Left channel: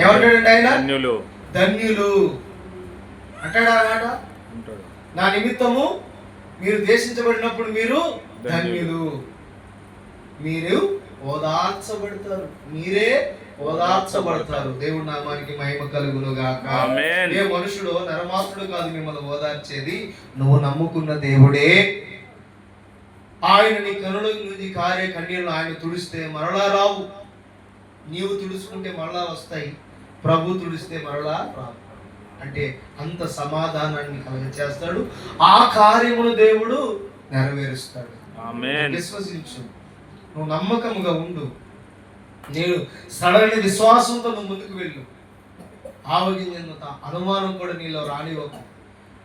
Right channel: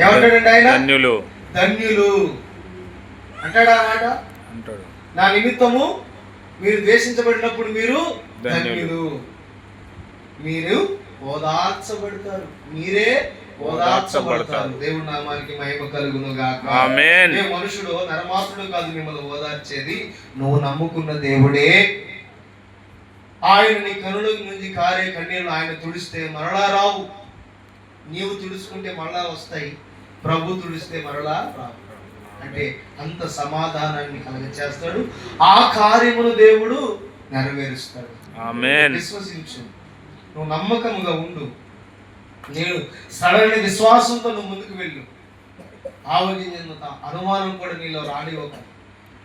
ఏమంటాడండి ఆయన? ధన్యులు. ధన్యులు అంటాడా అన్నమాట. అంటాడు. నా నిమిత్తము మీరు ద్వేషించబడినప్పుడు మీరు ధన్యులు. మీరు ఓదార్చబడతారు, మీరే ఓదార్చబడతారు. దేవుడి నామానికి మహిమ కలుగును గాక. ఆమేన్. ఏ మనుషుడు నరమాత్రుడు కాదు మిమ్మల్ని ఓదార్చేది, నువ్వు నమ్ముకున్న దేవుడే. ఆయన నీ కనుల నుంచి కారే కన్నీళ్ళు ఆయన తుడిస్తే మరలా రావు. నీవు తుడుచుకుంటే మరలా వస్తాయి, ప్రభు తుడిస్తే మరలా రావు. అంటే అంత సమాధానాన్ని కలుగచేస్తాడు. ఆ కార్యమును దేవుడు నెరవేరుస్తాడు. ఆమేన్. విశ్వసించు, నువ్వు నమ్మకముగా ఉండు. నేను సడని విశ్వాసంతో నువ్వు ముందుకు వెళ్ళు. ఆవగింజంత అనుమానం కూడా నీలో రానివ్వకు.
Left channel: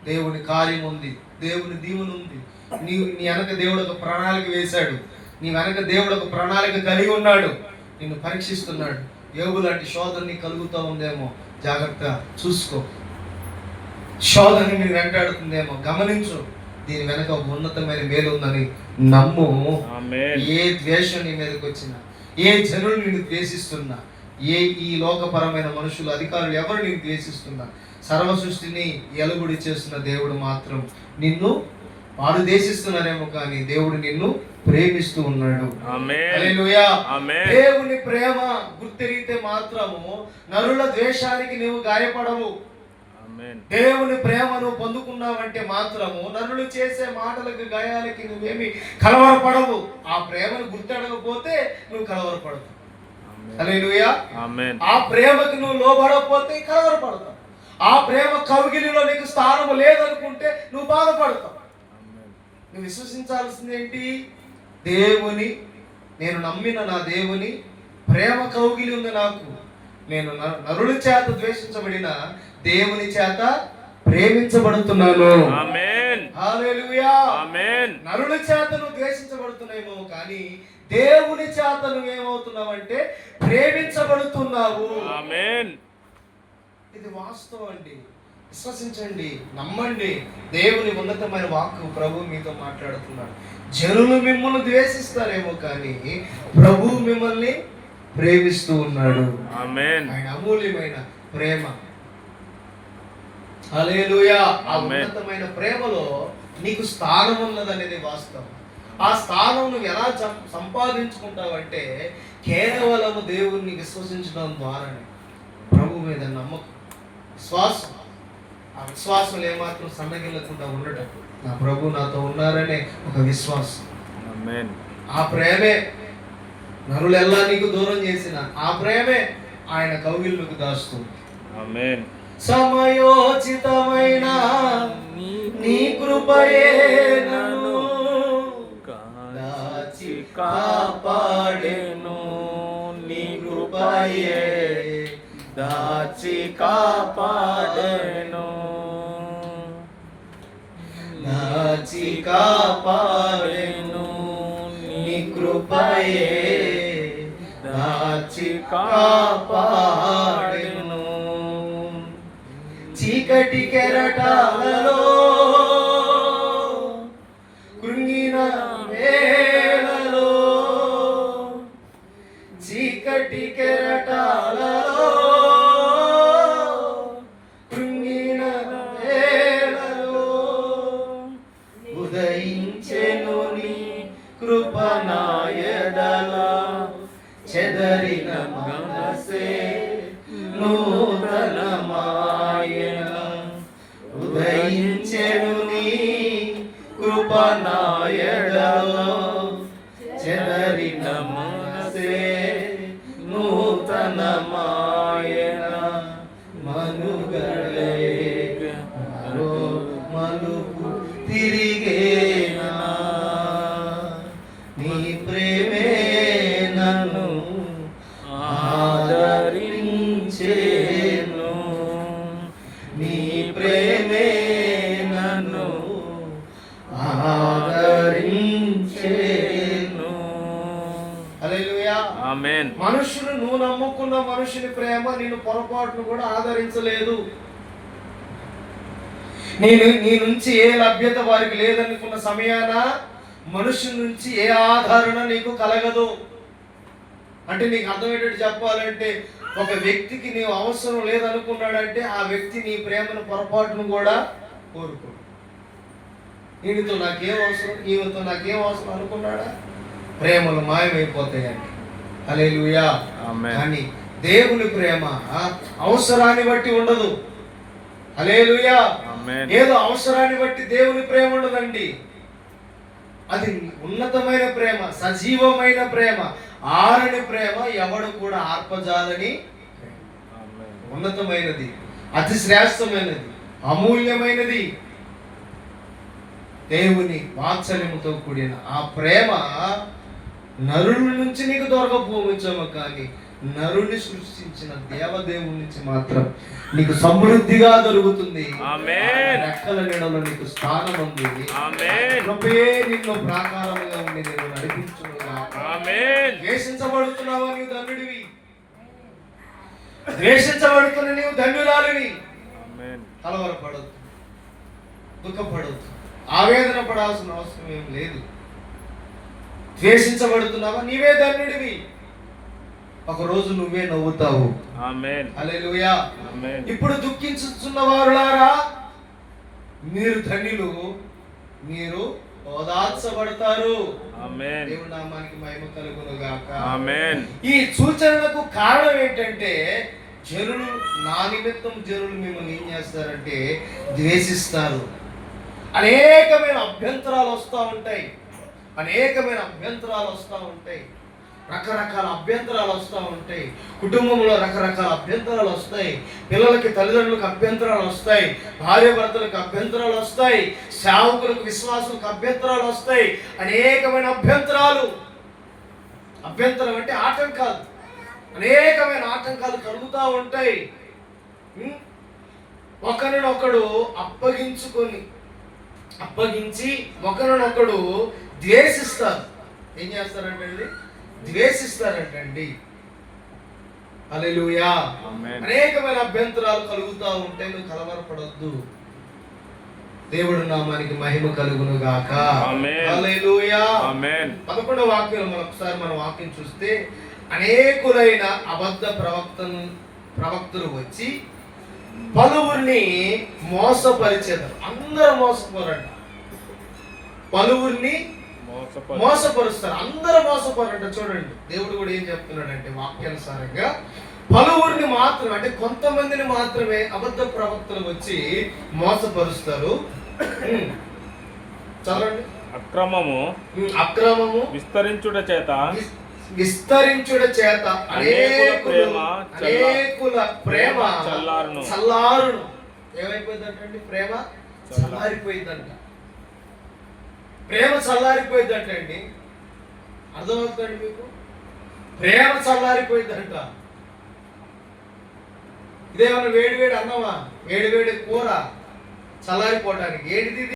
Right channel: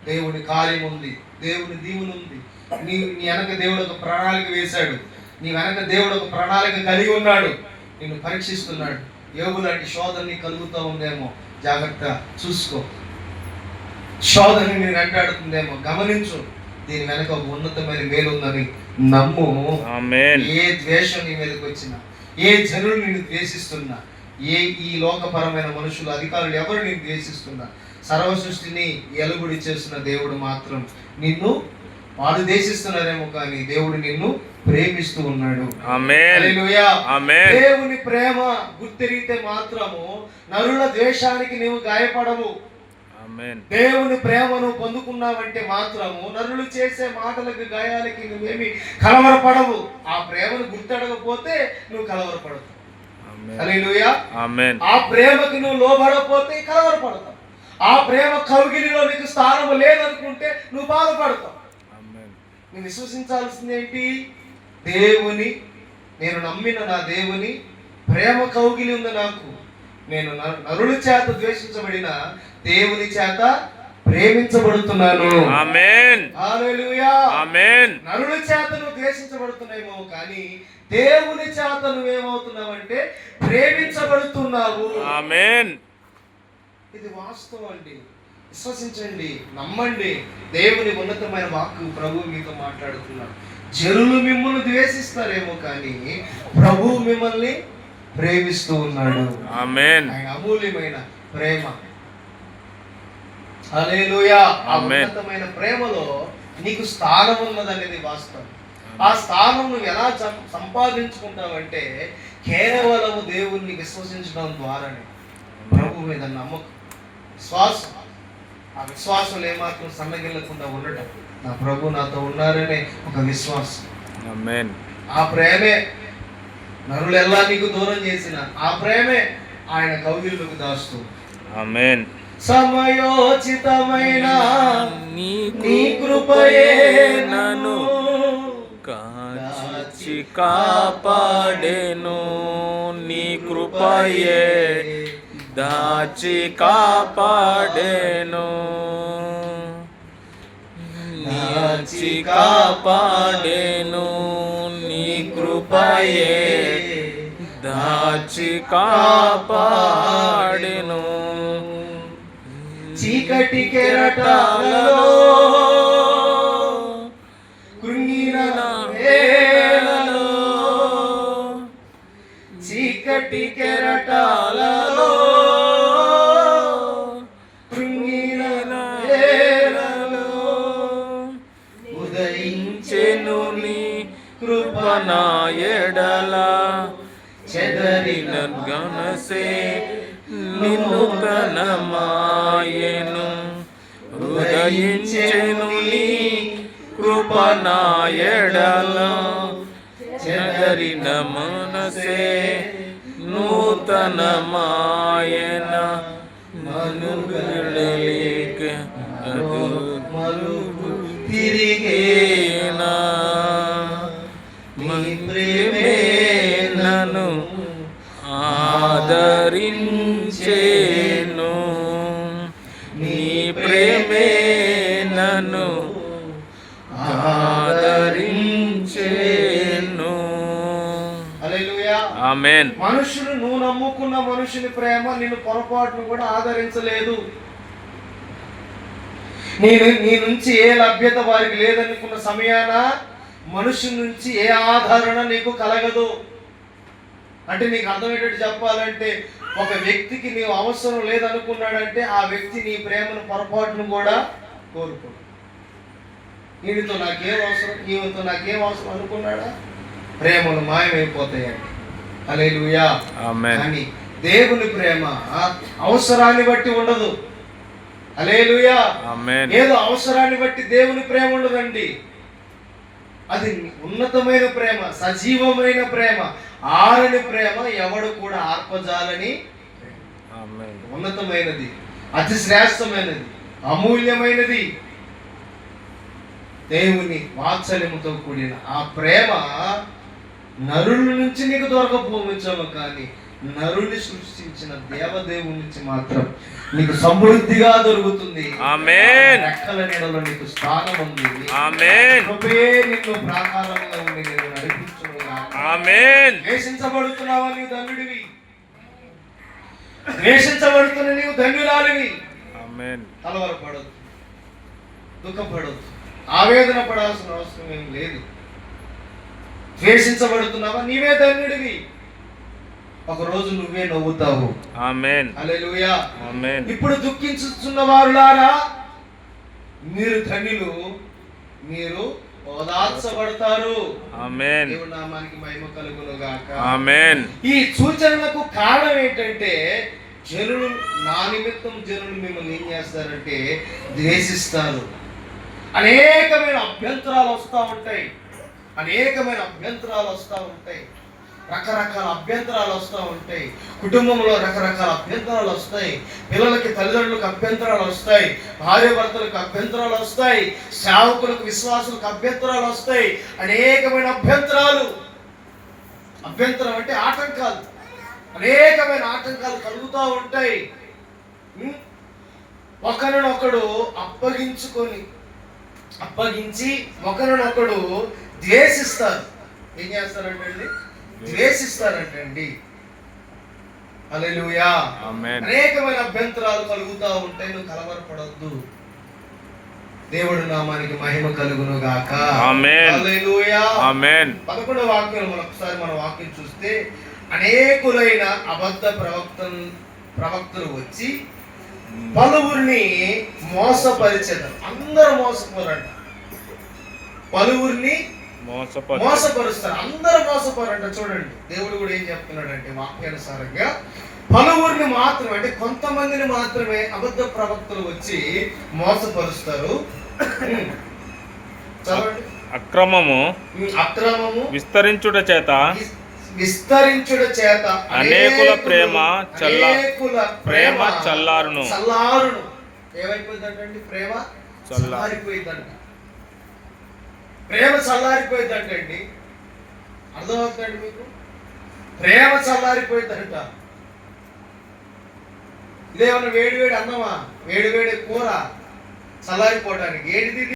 దేవుని కార్యం ఉంది, దేవుని దీవెన ఉంది. నీ వెనక దేవుడు ఒక ప్రణాళిక వేశాడు. నీ వెనక దేవుడు ఒక ప్రణాళిక కలిగి ఉన్నాడు. నిన్ను పరీక్షిస్తున్నాడు. యోగు లాంటి శోధన నీకు కలుగుతూ ఉందేమో, జాగ్రత్తగా చూసుకో. శోధన నేను వెంటాడుతుందేమో, గమనించు. దీని వెనక ఒక ఉన్నతమైన మేలు ఉందని నమ్ము. ఏ ద్వేషం నీ మీదకి వచ్చినా, ఏ జనులు నిన్ను ద్వేషిస్తున్నా, ఈ లోకపరమైన మనుషులు, అధికారులు ఎవరు నిన్ను ద్వేషిస్తున్నా, సర్వ సృష్టిని ఎలుగుడి చేస్తున్న దేవుడు మాత్రం నిన్ను, వాడు ద్వేషిస్తున్నారేమో కానీ దేవుడు నిన్ను ప్రేమిస్తూ ఉన్నాడు. హల్లెలూయా. దేవుని ప్రేమ గుర్తెరిగితే మాత్రము నరుల ద్వేషానికి నీవు గాయపడవు. దేవుని ప్రేమను పొందుకున్నావంటే మాత్రము నరులు చేసే మాటలకు, గాయాలకి నువ్వేమి కలవరపడవు. ఆ ప్రేమను గుర్తెడకపోతే నువ్వు కలవరపడవు. హల్లెలూయా. ఆ ప్రేమకు నువ్వు లోబడకపోతే కలవరపడతావు. ఆ ప్రేమ కౌగిలిలో నీకు స్థానము లేదనుకుంటే నువ్వు బాధపడతావు. నువ్వు విశ్వసించాల్సింది ఏంటి? దేవుని, నేను నమ్మిన నా దేవుని ప్రేమ కౌగిలి ఉంది నాకు. నేను నరుల చేత ద్వేషించబడిన దేవుని చేత ప్రేమించబడుతున్నాను. ఆమేన్. హల్లెలూయా. ఆమేన్. నరుల చేత నువ్వు ద్వేషించబడుతున్నావేమో కానీ దేవుని చేత నువ్వేమవుతున్నావంటే ప్రేమించబడుతున్నావు. ఆమేన్. ఇది వాస్తవం అండి. విశ్వసించండి, నమ్మండి. దేవుని ఉన్నతమైన వాక్కు ప్రభు మీతో మాట్లాడుతున్నాడు. జనులు మిమ్మల్ని ద్వేషిస్తారేమో కానీ ప్రభు మిమ్మల్ని ప్రేమిస్తూ ఉన్నాడు. ఆమేన్. ఆయన అమూల్యమైన ప్రేమ. హల్లెలూయా. ఆ ఉన్నతమైన ప్రేమలో నీకు స్థానం ఉన్నదనేది వాస్తవం. ఆ స్థానం నువ్వు ఎలా సంపాదించుకుంటావంటే కేవలము దేవుణ్ణి విశ్వసించడం ద్వారానే. ప్రభు మీద నమ్మకం, విశ్వాసం. ఆ విశ్వాసం ఏమాత్రం సన్నగిల్లకుండా ఉండటం. నా ప్రభు నాతో ఉన్నారనే ఒక విశ్వాసం. ఆమేన్. ఆ ప్రేమే నరులెల్లా నీకు దూరం చేసిన ఆ ప్రేమే ఆయన కౌగిలిలోకి దాస్తూ. ఆమేన్. సమయోచితమైన నీ కృపయే నన్ను కాచి కాపాడెను. నీ కృపయే దాచి కాపాడెను. దాచి కాపాడెను. నీ కృపయే దాచి కాపాడెను. చీకటి కెరటాలలో కృంగిన వేళలో, చీకటి కెరటాలలో కృంగిన వేళలో ఉదయించెను నీ కృప నా ఎడల. చెదరిన గమసే నూతనమాయెను. ఉదయించెను నీ కృప నా ఎడల. చెదరిన మనసే నూతనమాయెన. మనుగడలేక మలుపు తిరిగేనా. నీ ప్రేమే నన్ను ఆదరించేను. నీ ప్రేమే నన్ను ఆదరించేను. హల్లెలూయా. ఆమేన్. మనుషులు, నువ్వు నమ్ముకున్న మనుషుని ప్రేమ నిన్ను పొరపాటును కూడా ఆదరించలేదు. నీ నుంచి ఏ లభ్యత వారికి లేదనుకున్న సమయాన మనుషుల నుంచి ఏ ఆదరణ నీకు కలగదు. అంటే నీకు అర్థమయ్యేటట్టు చెప్పాలంటే ఒక వ్యక్తికి నీవు అవసరం లేదనుకున్నాడంటే ఆ వ్యక్తి నీ ప్రేమను పొరపాటును కూడా కోరుకోడు. వీడితో నాకేం అవసరం, ఈమెతో నాకేం అవసరం అనుకున్నాడా, ప్రేమలు మాయమైపోతాయండి. హల్లెలూయా. ఆమేన్. కానీ దేవుని ప్రేమ అవసరాన్ని బట్టి ఉండదు. హల్లెలూయా. ఆమేన్. ఏదో అవసరాన్ని బట్టి దేవుని ప్రేమ ఉండదండి. అది ఉన్నతమైన ప్రేమ, సజీవమైన ప్రేమ, ఆరని ప్రేమ, ఎవడు కూడా ఆర్పజాలని ఆమేన్. ఉన్నతమైనది, అతి శ్రేష్టమైనది, అమూల్యమైనది. దేవుని వాత్సల్యముతో కూడిన ఆ ప్రేమ నరుల నుంచి నీకు దొరకపోవచ్చేమో, కానీ నరుని సృష్టించిన దేవదేవుని నుంచి మాత్రం నీకు సమృద్ధిగా దొరుకుతుంది. ఆమేన్. రెక్కల నీడలో నీకు స్థానం ఉంది. ఆమేన్. కృపయే నిన్ను ప్రాకారంగా ఉండి నేను నడిపించునుగాక. ఆమేన్. ద్వేషించబడుతున్నావా నీవు ధన్యుడివి, ద్వేషించబడుతున్న నీవు ధన్యురాలివి. ఆమేన్. కలవరపడొద్దు, దుఃఖపడొద్దు, ఆవేదన పడాల్సిన అవసరం ఏం లేదు. ద్వేషించబడుతున్నావా, నీవే ధన్యుడివి. ఒక రోజు నువ్వే నవ్వుతావు. ఆమేన్. హల్లెలూయా. ఆమేన్. ఇప్పుడు దుఃఖించుతున్న వారులారా మీరు ధన్యులు, మీరు ఓదార్చబడతారు. ఆమేన్. దేవుని నామానికి మహిమ కలుగును గాక. ఆమేన్. ఈ సూచనలకు కారణం ఏంటంటే, జనులు నా నిమిత్తం జనులు మిమ్మల్ని ఏం చేస్తారంటే ద్వేషిస్తారు. అనేకమైన అభ్యంతరాలు వస్తూ ఉంటాయి, అనేకమైన అభ్యంతరాలు వస్తూ ఉంటాయి, రకరకాల అభ్యంతరాలు వస్తూ ఉంటాయి. కుటుంబంలో రకరకాల అభ్యంతరాలు వస్తాయి, పిల్లలకి తల్లిదండ్రులకు అభ్యంతరాలు వస్తాయి, భార్య భర్తలకు అభ్యంతరాలు వస్తాయి, సేవకులకు విశ్వాసులకు అభ్యంతరాలు వస్తాయి. అనేకమైన అభ్యంతరాలు, అభ్యంతరం అంటే ఆటంకాలు, అనేకమైన ఆటంకాలు కలుగుతూ ఉంటాయి. ఒకరినొకడు అప్పగించి ఒకరినొకడు ద్వేషిస్తారు. ఏం చేస్తారంటండి? ద్వేషిస్తారంటండి. హల్లెలూయా. ఆమేన్. అనేకమైన అభ్యంతరాలు కలుగుతూ ఉంటాయి. నువ్వు కలవరపడొద్దు. దేవుడి నామానికి మహిమ కలుగును గాక. ఆమేన్. హల్లెలూయా. ఆమేన్. 11వ వాక్యం ఒకసారి మన వాక్యం చూస్తే, అనేకులైన అబద్ధ ప్రవక్తలు వచ్చి పలువురిని మోసపరిచెదరు. అందరూ మోసపోరంట, పలువురిని మోసపరుస్తారు, అందరూ మోసపోరంట. చూడండి దేవుడు కూడా ఏం చెప్తున్నాడంటే వాక్యానుసారంగా పలువురిని మాత్రమే, అంటే కొంతమందిని మాత్రమే అబద్ధ ప్రవక్తలు వచ్చి మోసపరుస్తారు. చదవండి. అక్రమము విస్తరించుట చేత అనేకుల ప్రేమ చల్లారును. ఏమైపోయిందంటే ప్రేమ చల్లారిపోయిందంట. ప్రేమ చల్లారిపోయిందంటండి. అర్థమవుతుందండి మీకు? ప్రేమ చల్లారిపోయిందంట. ఇదేమన్నా వేడి వేడి అన్నమా, వేడి వేడి కూర చల్లారిపోవడానికి ఏంటిది?